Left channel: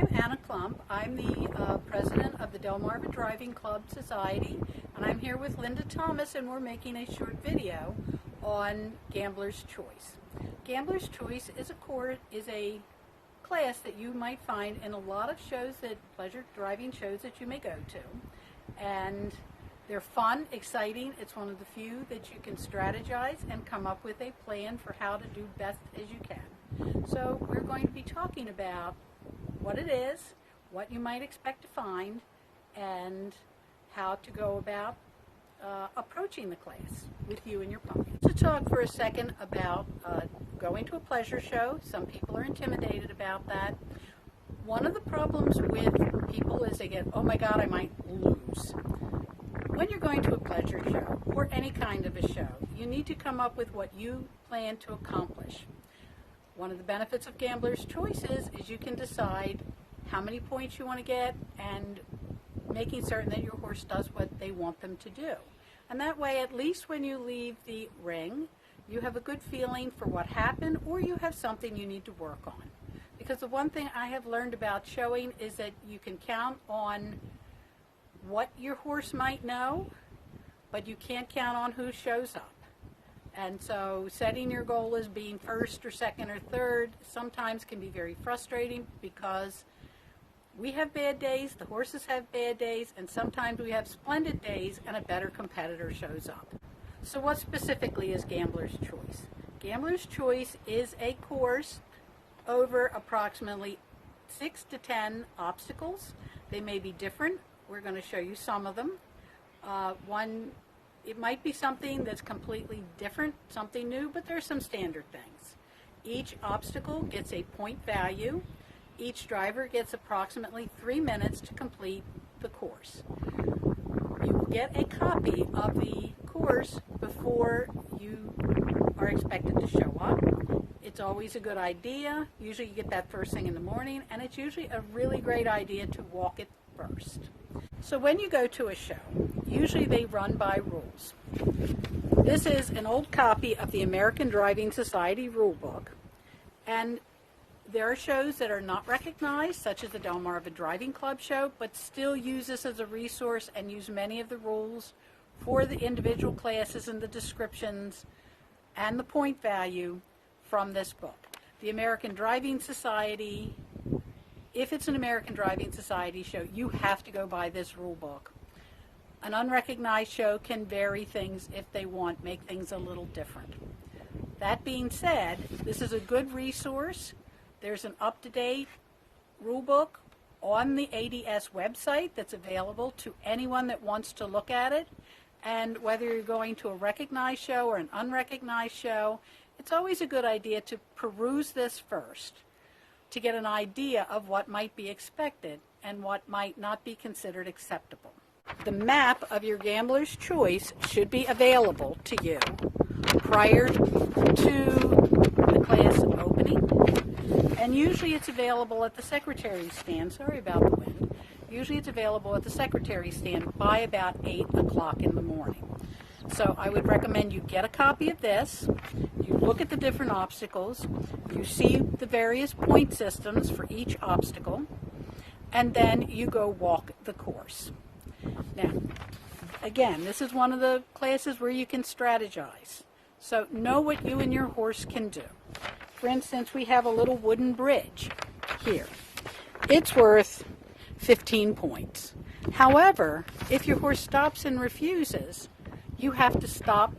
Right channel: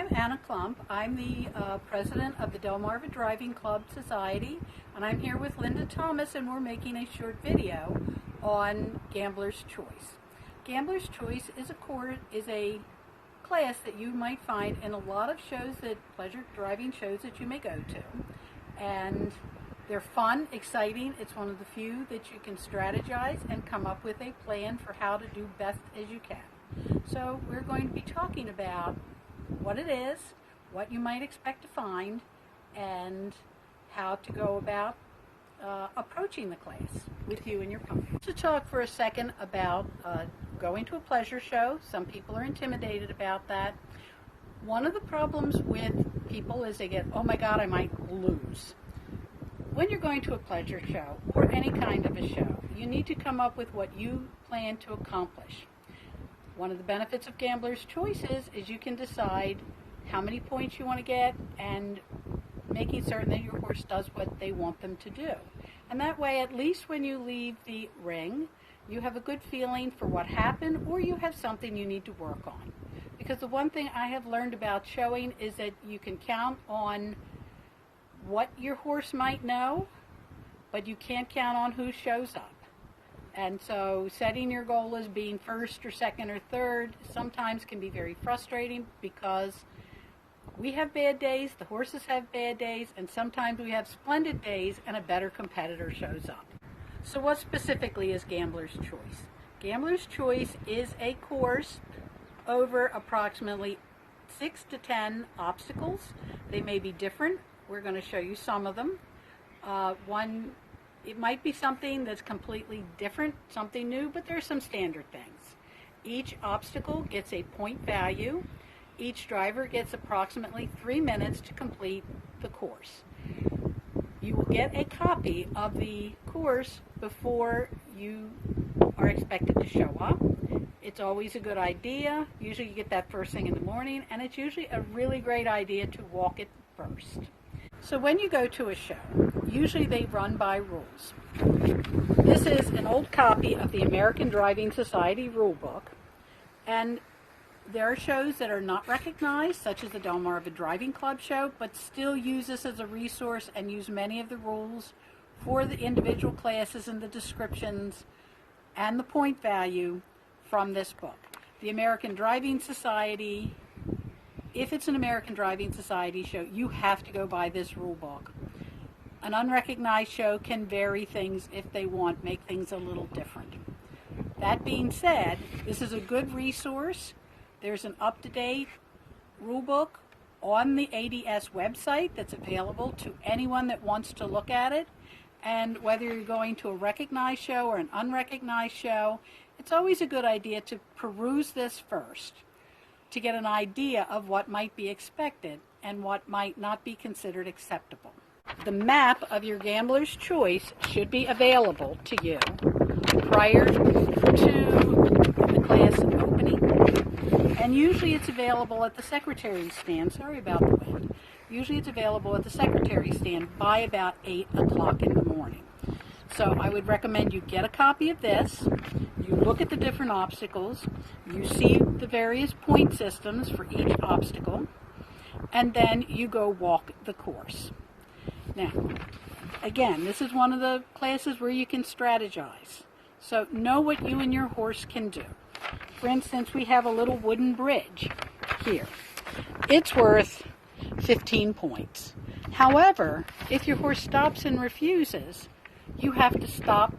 I'm Anna Klump. I'm the president of the Delmarva Driving Club Society, and I'm here with Linda Thomas, and we're making a short video on Gambler's Choice. Gambler's Choice is a class that you might find in a lot of shows, pleasure driving shows that you may go to, and they're fun, exciting. It's one of the few that you can strategize and come up with a plan for how to do best as you can. So we're going to be talking about what it is, what you might expect to find, and how to go about approaching the class with you and your pony. To talk for a second about going to a pleasure show. Some people are intimidated about that. One of the problems with people is they get, oh my God, I might lose. When you're going to a pleasure show, or any kind of a show, you need to come up with what you plan to accomplish. One of the benefits of Gambler's Choice is you can decide how many points you want to get and making certain that your horse does what they want them to do. And that way, at least when you leave the ring, you have a good feeling for what happened, or you have something you need to work on. Because the one thing I have learned about showing is that you can count on what your horse might know, but you can't count on who shows up. And so setting your goal as being first or second or third sometimes can be very frustrating, because we have bad days, the horses have bad days, and sometimes we have splendid days and a better competitor shows up. So what specifically is Gambler's Choice? Gambler's Choice is a course over approximately 6 to 10 obstacles. They may be different. We're going to show you some of them. It might be something that's completely different, something new, but there's some standard things. Each obstacle gets a point value. Each driver gets approximately 3 minutes to complete the course. You will get a copy of the course before you are expected to show up. It's always a good idea. Usually you get that first thing in the morning, and it's usually a really great idea to walk it first. So when you go to a show, usually they run by rules. This is an old copy of the American Driving Society rule book, and there are shows that are not recognized, such as the Delmarva Driving Club show, but still use this as a resource and use many of the rules for the individual classes and the descriptions and the point value from this book. The American Driving Society, if it's an American Driving Society show, you have to go by this rule book. An unrecognized show can vary things if they want, make things a little different. That being said, this is a good resource. There's an up-to-date rule book on the ADS website that's available to anyone that wants to look at it. And whether you're going to a recognized show or an unrecognized show, it's always a good idea to peruse this first, to get an idea of what might be expected and what might not be considered acceptable. The map of your Gambler's Choice should be available to you prior to the class opening, and usually it's available at the secretary stand. Sorry about the wind. Usually it's available at the secretary stand by about 8 o'clock in the morning. So I would recommend you get a copy of this, you look at the different obstacles, you see the various point systems for each obstacle, and then you go walk the course. Now, again, this is one of the classes where you can strategize. So know what you and your horse can do. For instance, we have a little wooden bridge here. It's worth 15 points. However, if your horse stops and refuses, you have to stop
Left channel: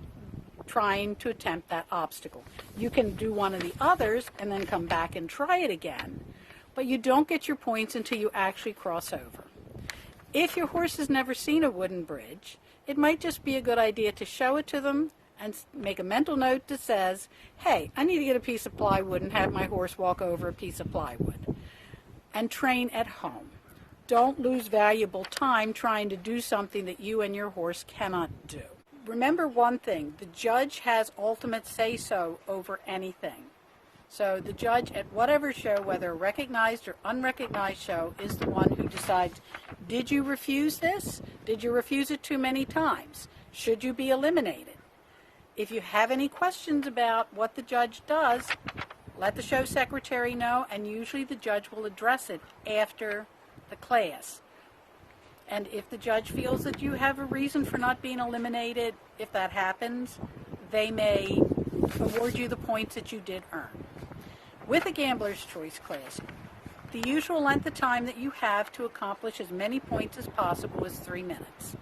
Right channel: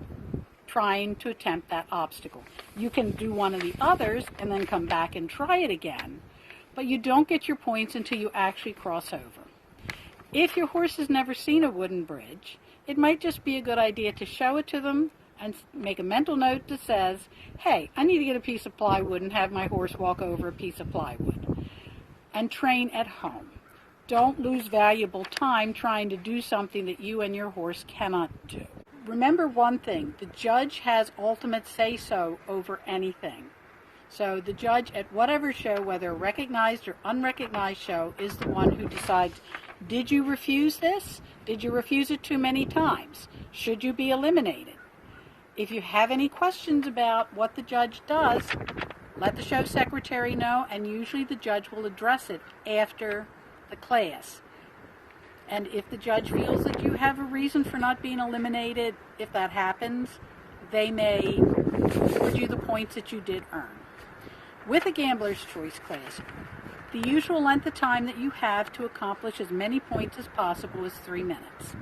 trying to attempt that obstacle. You can do one of the others and then come back and try it again, but you don't get your points until you actually cross over. If your horse has never seen a wooden bridge, it might just be a good idea to show it to them and make a mental note that says, hey, I need to get a piece of plywood and have my horse walk over a piece of plywood, and train at home. Don't lose valuable time trying to do something that you and your horse cannot do. Remember one thing, the judge has ultimate say-so over anything. So the judge at whatever show, whether a recognized or unrecognized show, is the one who decides, did you refuse this? Did you refuse it too many times? Should you be eliminated? If you have any questions about what the judge does, let the show secretary know, and usually the judge will address it after the class. And if the judge feels that you have a reason for not being eliminated, if that happens, they may award you the points that you did earn. With a gambler's choice class, the usual length of time that you have to accomplish as many points as possible is 3 minutes.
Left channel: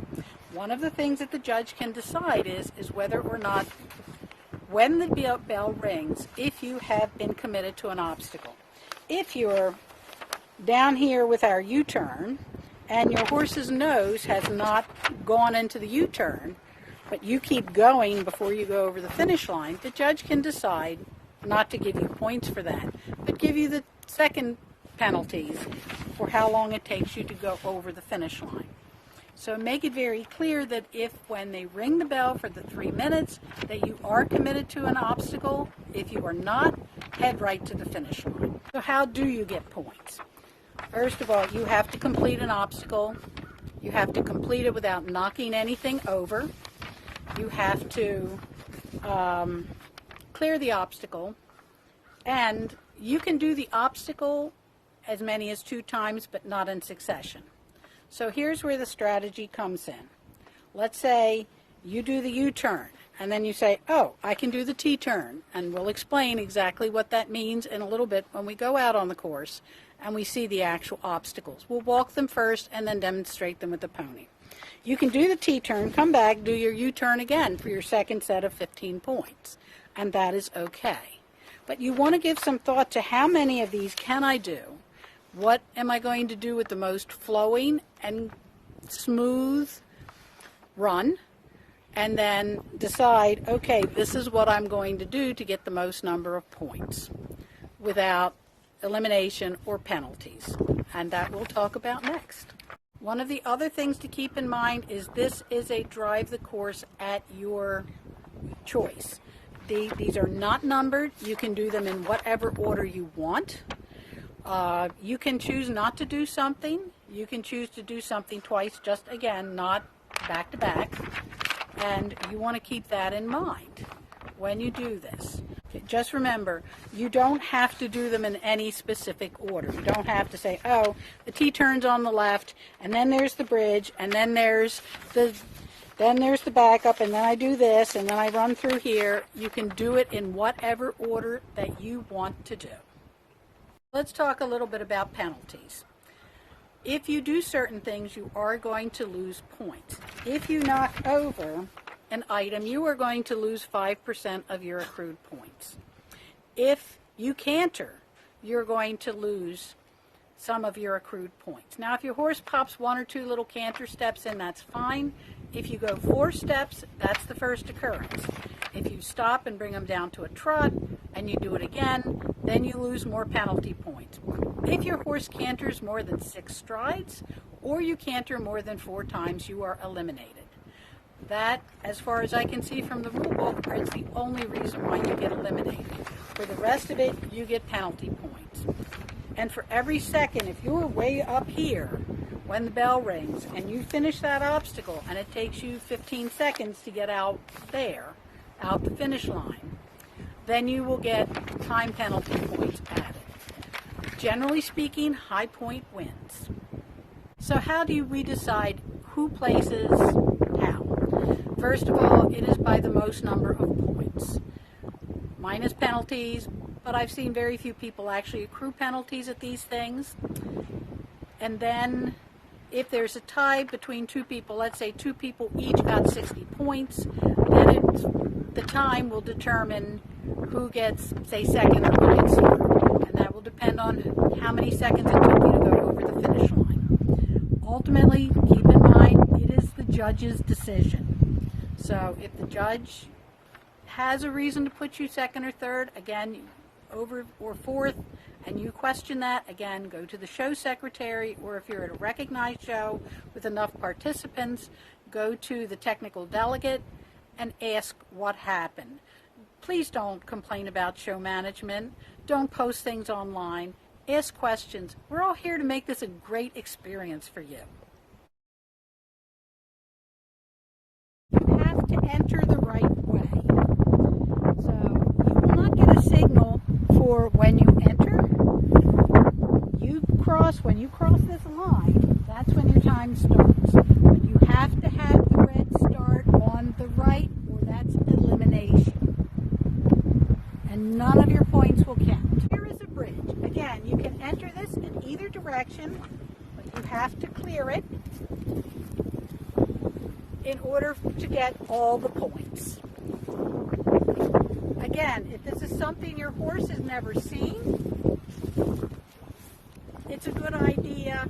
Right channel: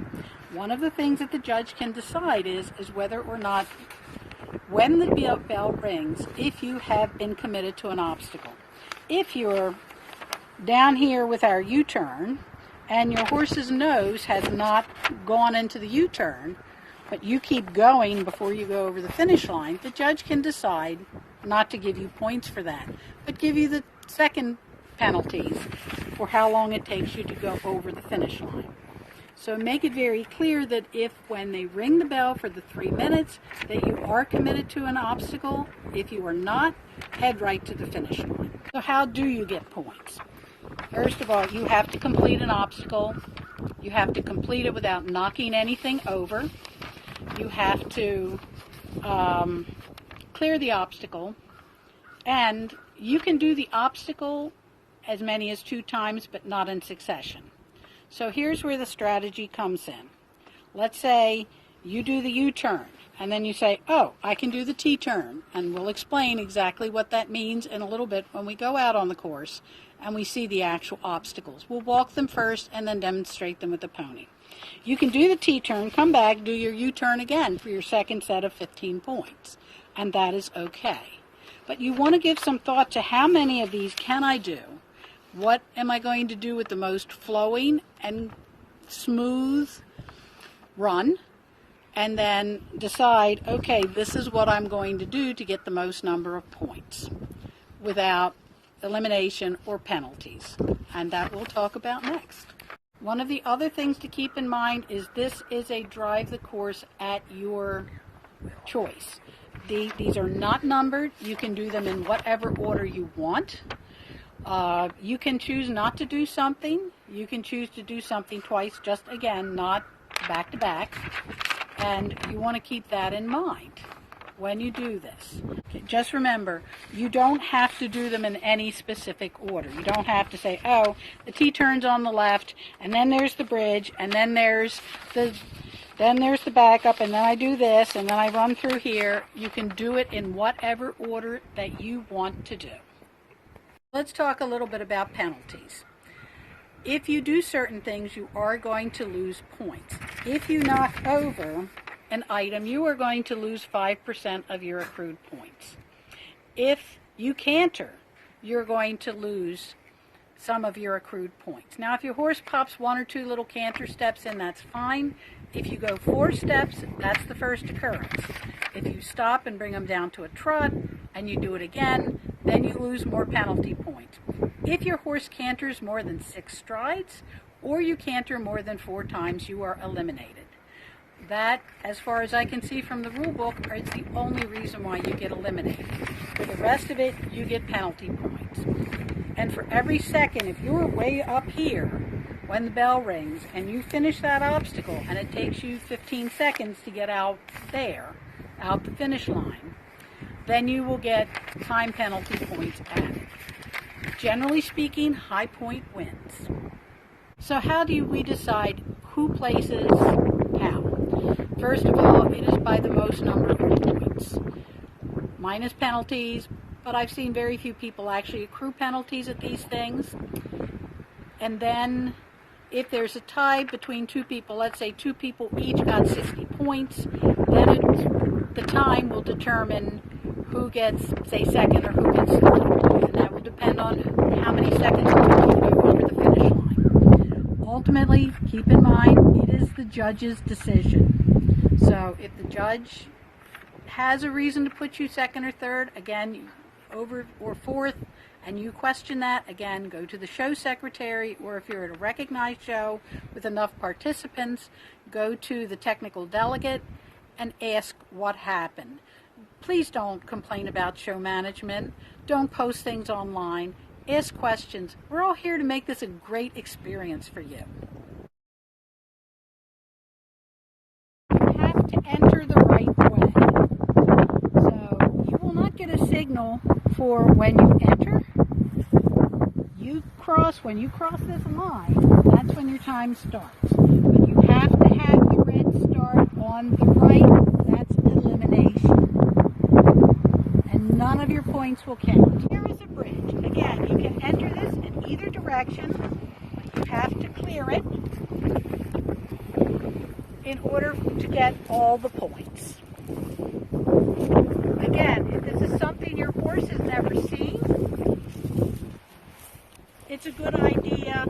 One of the things that the judge can decide is whether or not, when the bell rings, if you have been committed to an obstacle. If you're down here with our U-turn and your horse's nose has not gone into the U-turn, but you keep going before you go over the finish line, the judge can decide not to give you points for that, but give you the second penalties for how long it takes you to go over the finish line. So make it very clear that if, when they ring the bell for the 3 minutes, that you are committed to an obstacle. If you are not, head right to the finish line. So how do you get points? First of all, you have to complete an obstacle. You have to complete it without knocking anything over. You have to clear the obstacle, and you can do the obstacle as many as 2 times, but not in succession. So here's where the strategy comes in. Let's say you do the U-turn, and then you say, oh, I can do the T-turn, and we'll explain exactly what that means in a little bit when we go out on the course and we see the actual obstacles. We'll walk them first and then demonstrate them with the pony. You can do the T-turn, come back, do your U-turn again for your second set of 15 points, and that is okay. But you want to give some thought to how many of these can I do? What am I going to do with the most flowing and smooth run? And then decide, okay, this is what I'm going to do to get the most number of points without elimination or penalties. And that we'll talk about next. One of the other things to keep in mind is this is a drive the course at your choice. These are not numbered. You can do them in whatever order you want. You can choose not to do something. You can choose to do something twice, just again, not back to back. And you want to keep that in mind when you do this. Just remember, you don't have to do them in any specific order. You don't have to say, oh, the T-turn's on the left, and then there's the bridge, and then there's the backup, and then I do this, and then I run through here. You can do it in whatever order that you want to do. Let's talk a little bit about penalties. If you do certain things, you are going to lose points. If you knock over an item, you are going to lose 5% of your accrued points. If you canter, you're going to lose some of your accrued points. Now, if your horse pops 1 or 2 little canter steps in, that's fine. If you go 4 steps, that's the first occurrence. If you stop and bring them down to a trot and you do it again, then you lose more penalty points. If your horse canters more than 6 strides or you canter more than 4 times, you are eliminated. That, as far as I can see from the rule book, is the only reason why you get eliminated. For the rest of it, you get penalty points. And for every second, if you're way up here when the bell rings and you finish that obstacle and it takes you 15 seconds to get out there, out the finish line, then you will get time penalty points added. Generally speaking, high point wins. So how do we decide who places how? First of all, it is by the most number of points, minus penalties, but I've seen very few people actually accrue penalties at these things. And then if there's a tie between 2 people, let's say 2 people each got 60 points, then the time will determine who gets, say, second or who gets third. And that will depend on how many seconds it took you to go over the finish line. Ultimately, keep in mind, it is the judge's decision. So if the judge has a reason to put you second or third, again, over or fourth, and you question that, again, go to the show secretary, or if you're at a recognized show with enough participants, go to the technical delegate and ask what happened. Please don't complain about show management. Don't post things online. Ask questions. We're all here to make this a great experience for you. You have to enter the right way. So you will not get a signal for when you enter. When you cross this line, that's when your time starts. When you have to have the red start on the right, that's elimination. And none of your points will count. Here is a bridge. Again, you can enter this in either direction, but you have to clear it in order to get all the points. Again, if this is something your horse has never seen, it's a good idea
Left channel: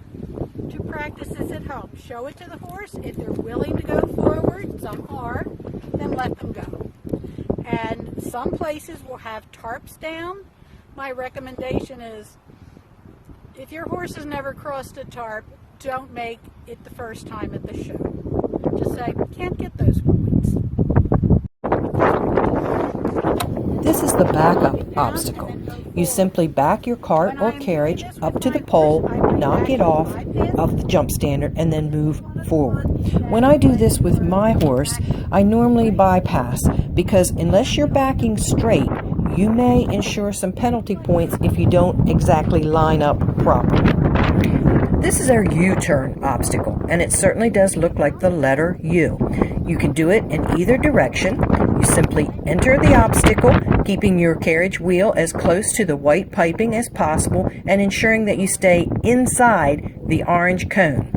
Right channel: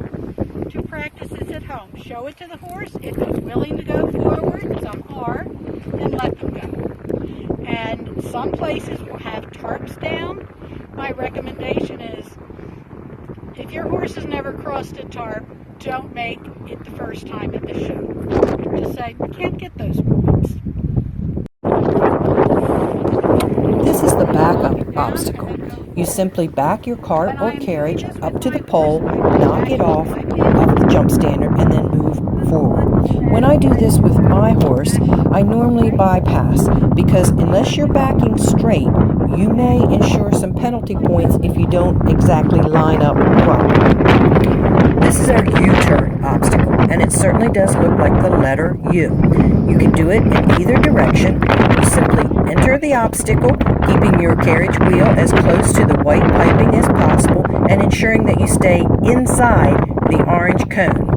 to practice this at home. Show it to the horse. If he's willing to go forward, some are, then let them go. And some places will have tarps down. My recommendation is, if your horse has never crossed a tarp, don't make it the first time at the show. Just say, can't get those points. This is the backup obstacle. You simply back your cart or carriage up to the pole, knock it off of the jump standard, and then move forward. When I do this with my horse, I normally bypass, because unless you're backing straight, you may incur some penalty points if you don't exactly line up properly. This is our U-turn obstacle, and it certainly does look like the letter U. You can do it in either direction. You simply enter the obstacle, keeping your carriage wheel as close to the white piping as possible and ensuring that you stay inside the orange cone.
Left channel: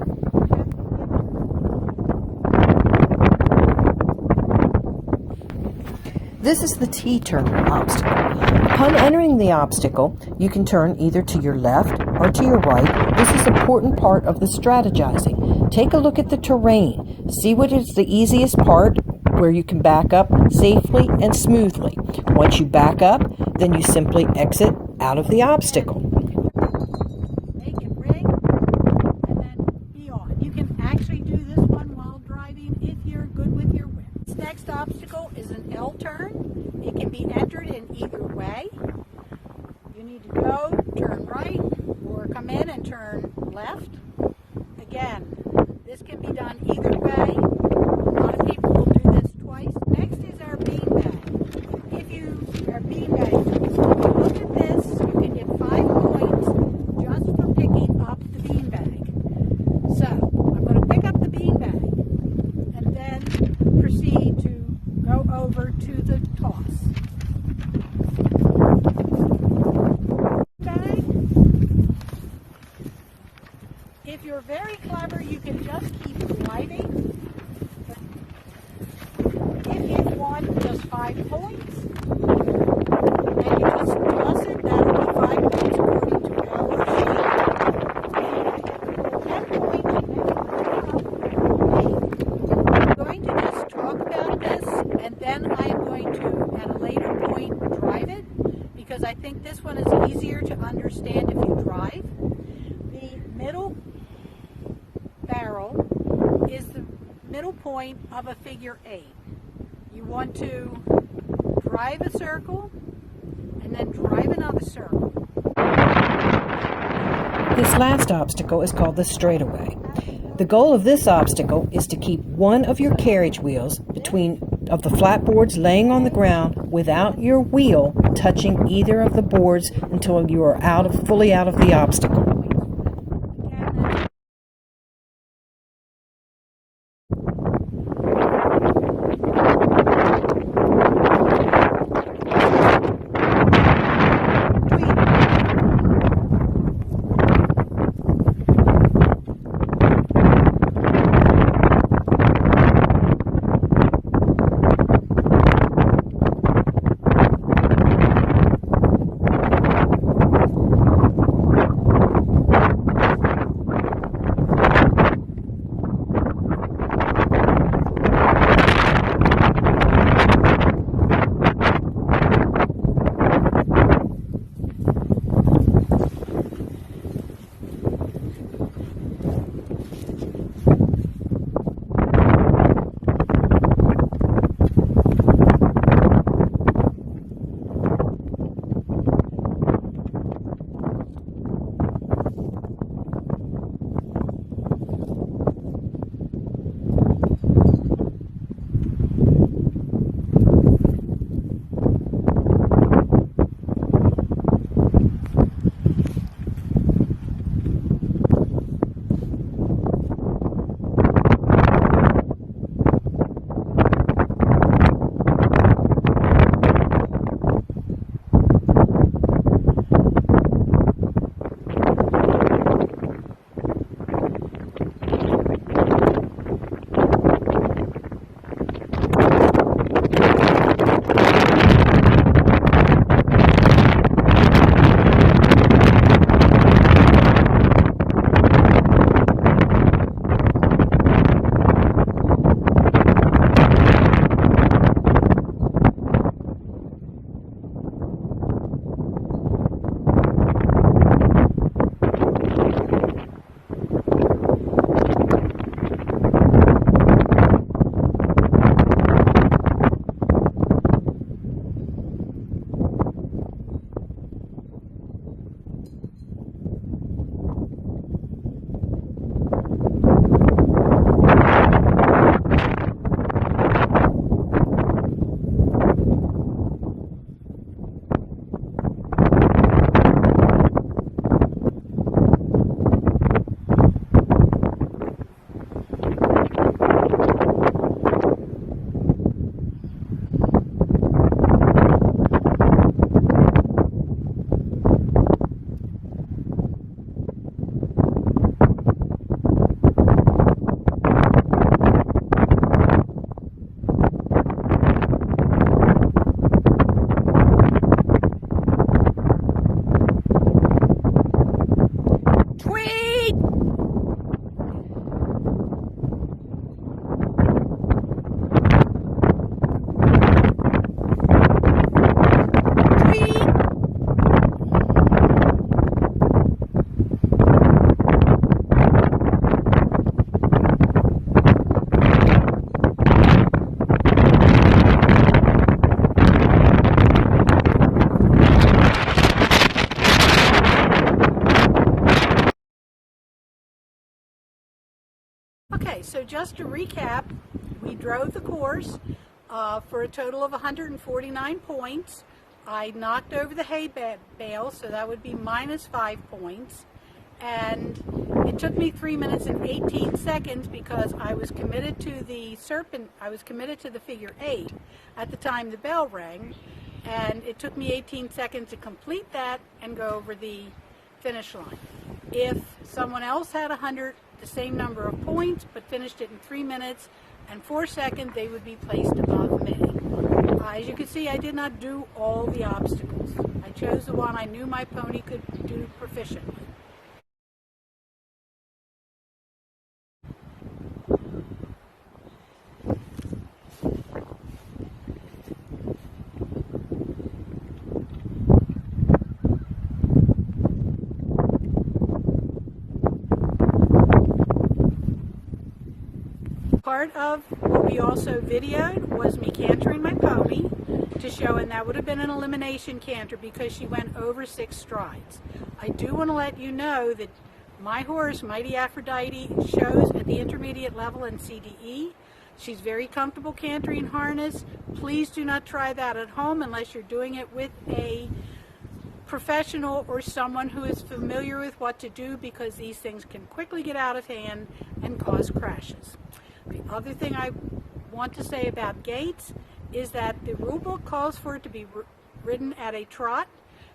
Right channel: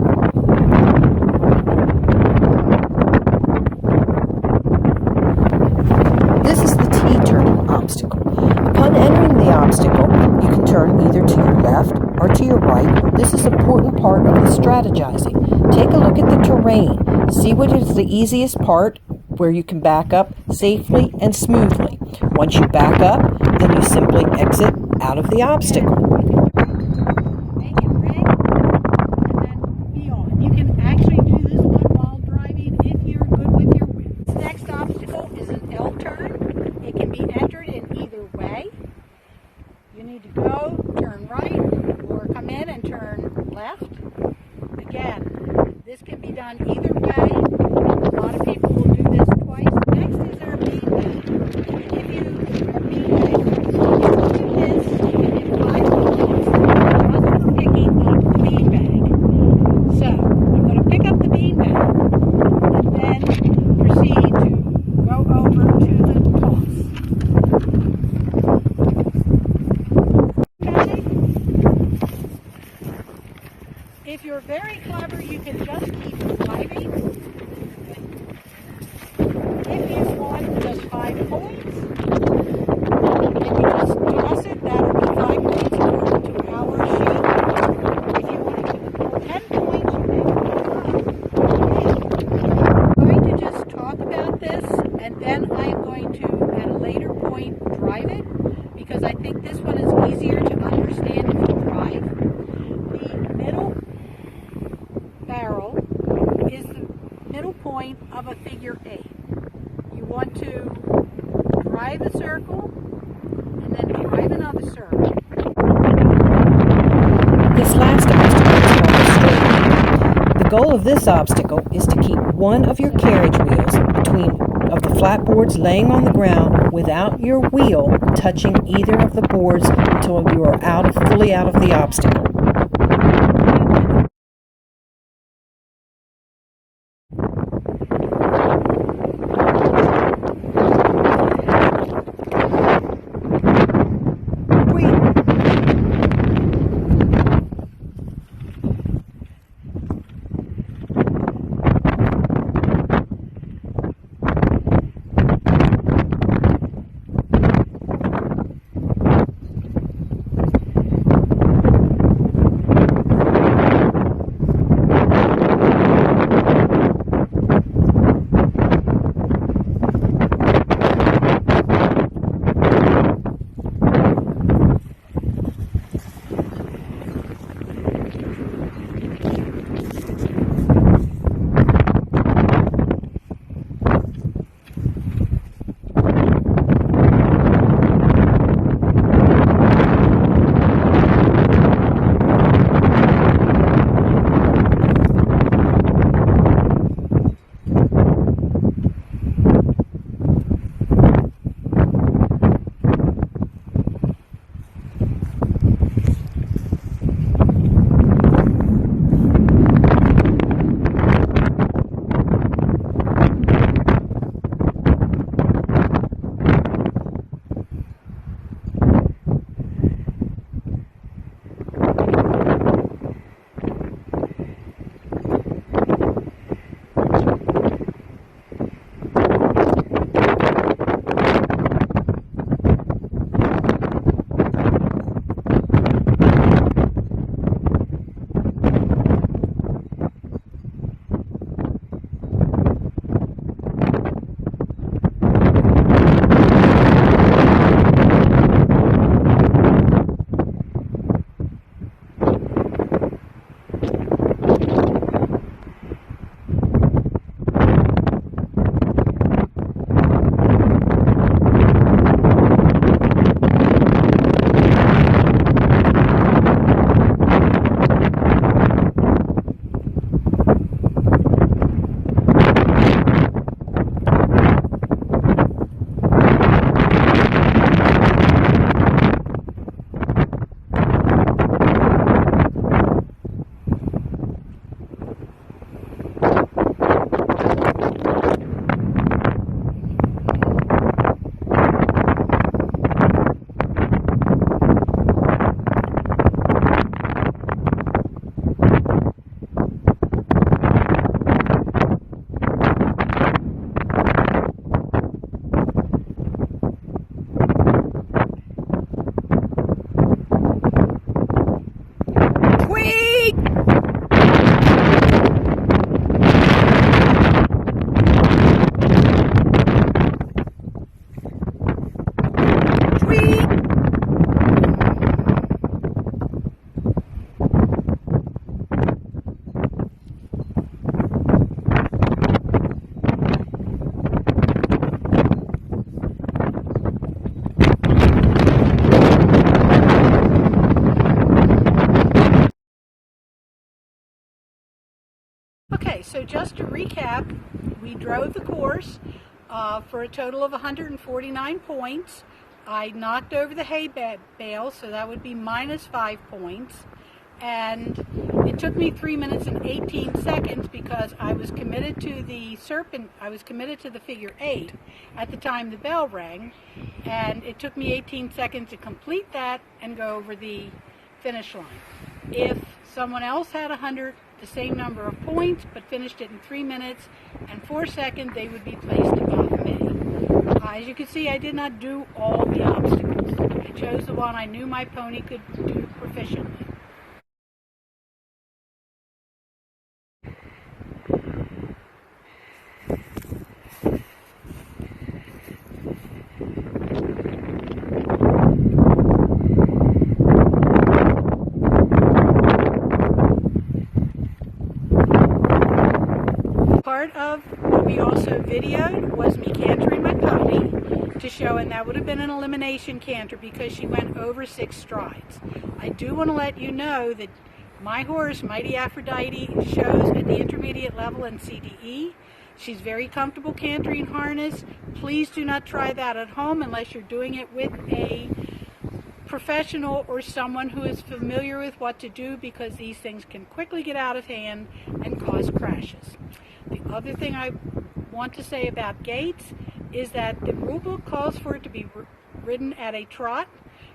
This is the T-turn obstacle. Upon entering the obstacle, you can turn either to your left or to your right. This is an important part of the strategizing. Take a look at the terrain. See what is the easiest part where you can back up safely and smoothly. Once you back up, then you simply exit out of the obstacle. Make it ring and then be on. You can actually do this one while driving if you're good with your whip. This next obstacle is an L turn. It can be entered in either way. You need to go, turn right, or come in and turn left. Again, this can be done either way. A lot of people will do this twice. Next is our beanbag. If you are beanbag, so look at this, you get 5 points just for picking up the beanbag. So I'm going to pick up the beanbag and then proceed to go over to the toss. If you're very clever, you can just keep driving. If you want just 5 points, and you just toss it, that'll be 5 points according to our sheet. If you want 10 points, I'm going to just talk about this, and then I'm going to, at a later point, drive it, because I think this one is easier to understand if you drive. The middle barrel is the middle point of a figure 8. You want to drive a circle and then drive another circle. This last obstacle is called the straightening. The goal of this obstacle is to keep one of your carriage wheels between of the flat boards laying on the ground without your wheel touching either of the boards until you are fully out of the obstacle. so just to recap, we drove the course for a total of 149 points. I knocked over the hay bale, so that would be minus 5 points. And it took me 3 minutes and 18 seconds because I was committed to the figure 8 at the time the bell rang. And it took me 18 seconds to complete that and go over the finish line. If someone else had the same number of points but finished it in 3 minutes and 4 seconds, they would be placed above me. As you can see, I did not do all the obstacles. I chose the one I knew my pony could do proficiently. Part of what we also videoed was me cantering my pony to show, and that would have been an elimination canter because she went over 6 strides. I do want to let you know that my horse, Mighty Aphrodite, shows at the intermediate level in CDE. She's very comfortable cantering harness. Please do not try that at home unless you're doing it with a professional or someone who is familiar with what to do, because these things can quickly get out of hand and cause crashes. The other thing I want to say about gaits is that the rule book calls for it to be ridden at a trot.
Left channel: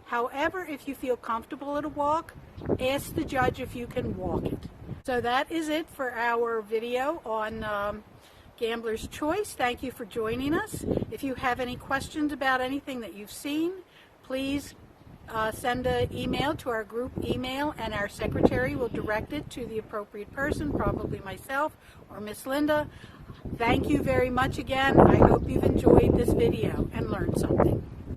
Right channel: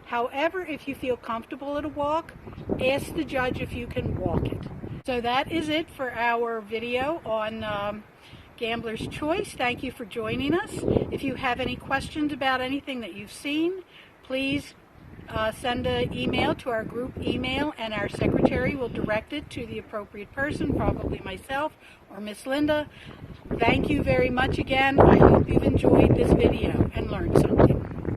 However, if you feel comfortable at a walk, ask the judge if you can walk it. So that is it for our video on Gambler's Choice. Thank you for joining us. If you have any questions about anything that you've seen, please send an email to our group email, and our secretary will direct it to the appropriate person, probably myself or Miss Linda. Thank you very much again. I hope you've enjoyed this video and learned something.